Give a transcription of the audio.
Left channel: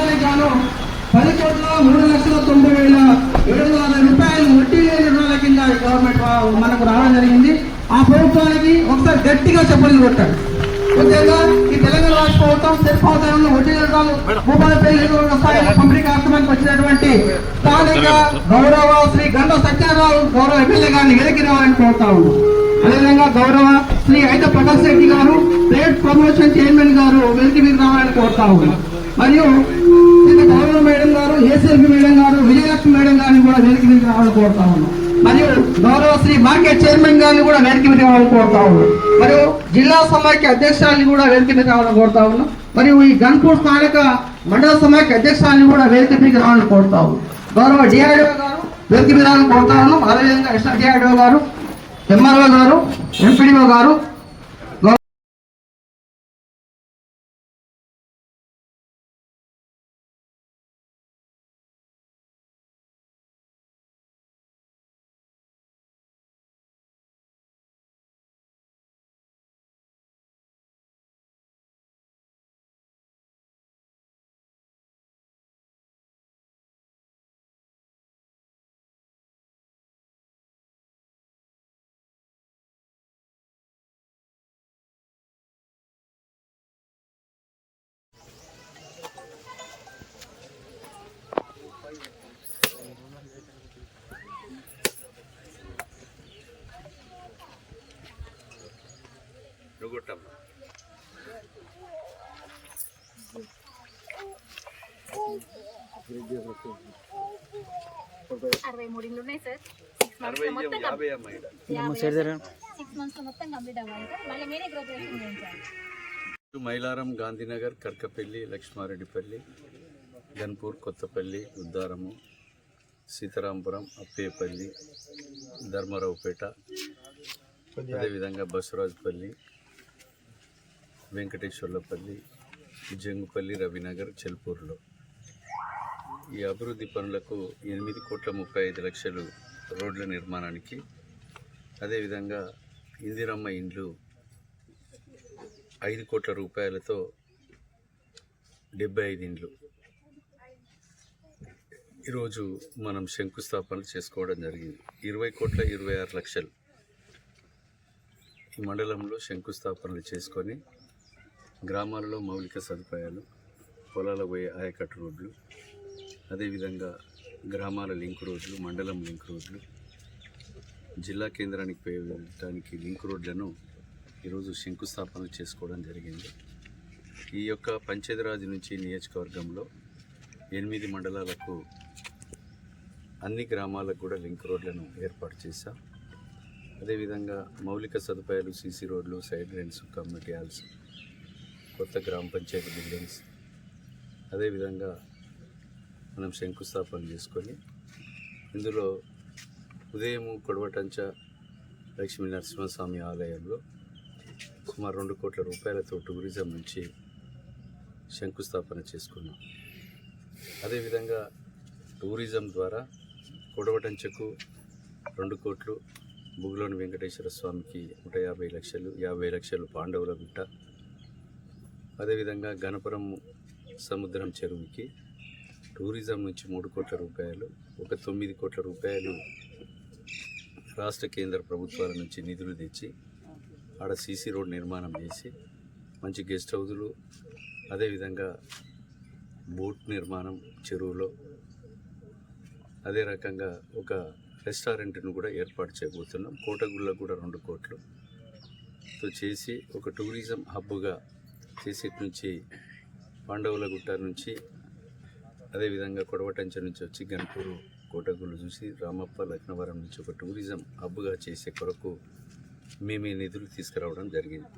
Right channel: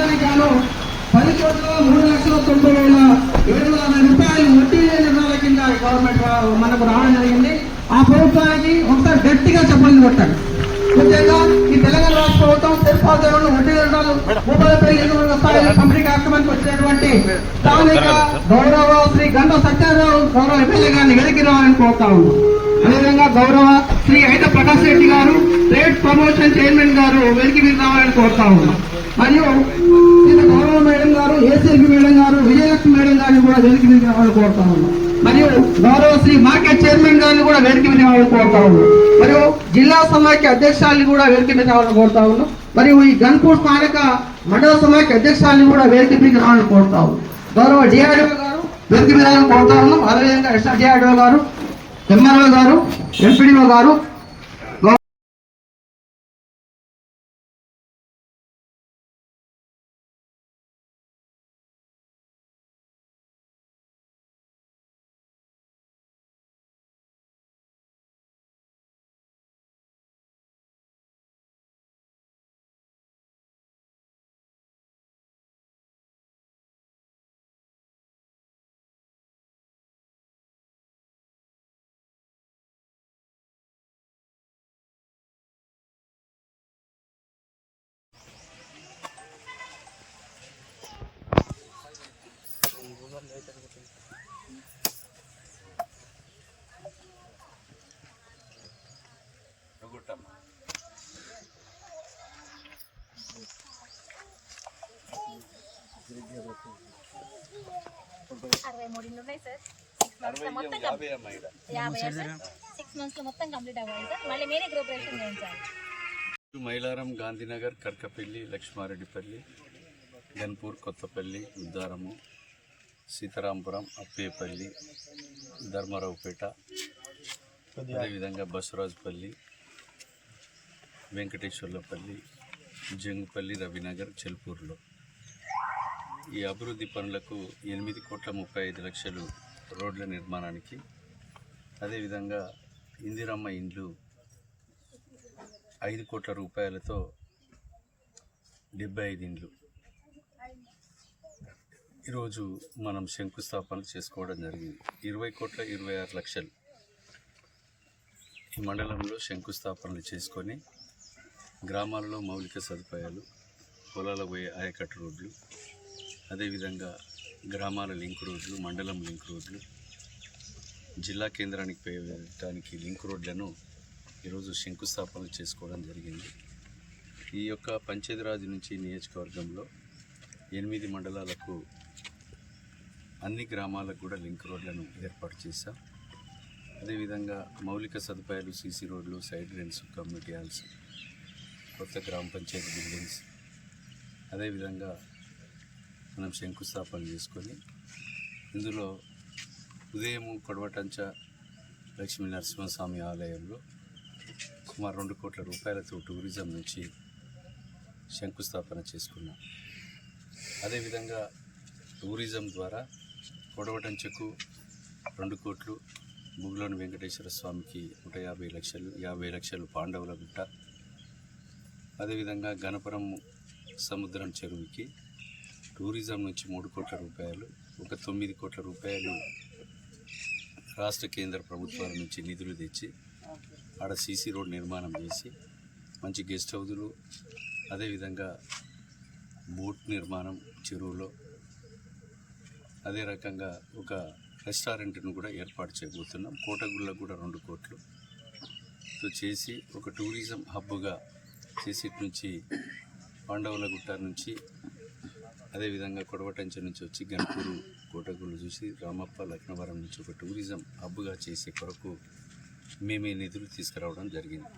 అందరికి గాను 10,03,90,700 రూపాయలు వడ్డీ లేని రుణాల కింద గవర్నమెంట్ మనకు రావడం జరిగింది. ఆ ప్రభుత్వానికి ఒకసారి గట్టిగా చెప్పలు కొట్టాలి. ముఖ్యంగా ఈ తెలంగాణ రాష్ట్ర ప్రభుత్వం తెలంగాణ వడ్డీ రుణాలు 35,000 రూపాయలు పంపిణీ కార్యక్రమానికి వచ్చినటువంటి స్థానిక గౌరవ శ్రీ గంట సత్యనారాయణ గౌరవ ఎమ్మెల్యే గారిని వెనక్కి రావాలని కోరుతా ఉన్నాం. అదేవిధంగా గౌరవ శ్రీ ఐట ప్రకాష్ రెడ్డి గారు స్టేట్ ప్రమోషన్ చైర్మన్ గారు వెనక్కి రావాలని కోరుతా ఉన్నాం. మరియు తెలంగాణ మేడం గారు, ఏసీఎల్పీ మేడం గారు, విజయలక్ష్మి మేడం గారిని కూడా వెనక్కి రావాలని కోరుతా ఉన్నాం. మరియు గౌరవ శ్రీ మార్కెట్ చైర్మన్ గారిని కూడా వెనక్కి రావాలని కోరుతా ఉన్నాం. మరియు జిల్లా సమాఖ్య అధ్యక్షాన్ని కూడా వెనక్కి రావాలని కోరుతా ఉన్నాం. మరియు ఈ గన్పూర్ స్థానిక మండల సమాఖ్య అధ్యక్షాన్ని కూడా వెనక్కి రావాలని కోరుతా ఉన్నాం. గౌరవ డిఆర్ఓ గారు వెనక్కి రావాలని కోరుతా ఉన్నాం. అదేవిధంగా ఎస్ఆర్ డిఆర్ఓ గారు, ఎంఆర్ఓ గారు, ఎంపీడీఓ గారు, నుగుట్టమ్మ 63 ఉన్నాయి సార్. 6 మంత్స్ మొత్తం కంప్లీట్ అవ్వాలి సార్. మళ్ళీ మీరే గ్రూపరేషన్ చేయించాలి. మైలారం, గాంధీనగర్, కర్కపల్లి, లక్ష్మారెడ్డిపల్లి, గన్పూర్, కొత్తపల్లి, ఉద్దారము, సీతారాంపురం, అప్పేపల్లి, ధర్మారావుపేట, అదేవిధంగా బసవరాజుపల్లి, వెంకటేశ్వర్లపల్లి, జంగుపల్లి, రవినగర్, చెల్పూర్లో ఈ అభివృద్ధి పనులకు 8,35,00,000 రోడ్ల నిర్మాణానికి, అదేవిధంగా ఇందిరమ్మ ఇండ్లు 5 కోట్ల రూపాయలతో 75 ఇండ్లు ఈరోజు మనం శంకుస్థాపనలు చేసుకోవడం జరిగింది. 20,26,00,000 ఈ మండలంలో శంకుస్థాపనలు చేసుకొని గ్రామాలలో మౌలిక సదుపాయాలు, పొలాల పోయే ఆయకట్టు రోడ్లు, అదేవిధంగా గ్రామాల లింక్ రోడ్లు, మండలం లింక్ రోడ్లు, జిల్లా కేంద్రానికి వెళ్ళడానికి లింక్ రోడ్లను ఈరోజు శంకుస్థాపనలు చేసుకోవడం జరిగింది. ఈ యొక్క పంచాయతీరాజ్ నుంచి నియోజకవర్గంలో 8 మండలాలకు అన్ని గ్రామాలకు కూడా లింక్ రోడ్లను ఏర్పాటు చేశాం. అదేవిధంగా మౌలిక సదుపాయాలు, సీసీ రోడ్లు, సైడ్ లైన్స్, కమ్యూనిటీ హాల్స్, కొత్త గ్రామ పంచాయతీ బిల్డింగ్స్, అదేవిధంగా మనం శంకుస్థాపన చేసుకొని ఇందులో ఉదయం కొడవటంచ లక్ష్మీ నరసింహస్వామి ఆలయంలో సుమారు 2 కోట్ల రూపాయలతో టూరిజం నుంచి శంకుస్థాపన చేసుకున్నాం. అదేవిధంగా టూరిజం ద్వారా కొడవటంచకు 2 కోట్లు, బుగ్లోని వెంకటేశ్వర స్వామికి 150 లక్షలు, 50 లక్షలు పాండవుల గుట్ట, అదేవిధంగా గణపురం సముద్రం చెరువుకి టూరిజం నుంచి 3 కోట్ల రూపాయలు, ఒక 9 కోట్ల రూపాయలు రాష్ట్ర కేంద్ర ప్రభుత్వాల నుంచి నిధులు తెచ్చి ఆడ సీసీ రోడ్ నిర్మాణం చేసి మంచి గెస్ట్ హౌజులు, అదేవిధంగా బోట్ నిర్మాణం చెరువులో, అదే రకంగా ఒక రెస్టారెంట్ను కూడా ఏర్పాటు చేయబోతున్నాం. కోటగుళ్ళకు కూడా 2 కోట్లు చేసి ఒక టూరిజం హబ్గా చేసి నుంచి పాండవుల గుట్ట నుంచి, అదేవిధంగా కొడవటంచ నుంచి వచ్చి గన్పూరు, కోటగుళ్ళు చూసి రామప్ప, లక్నవరం నుంచి ఒక టూరిజం హబ్గా చేసే కొరకు మేమే నిధులు తీసుకురావడం జరిగింది.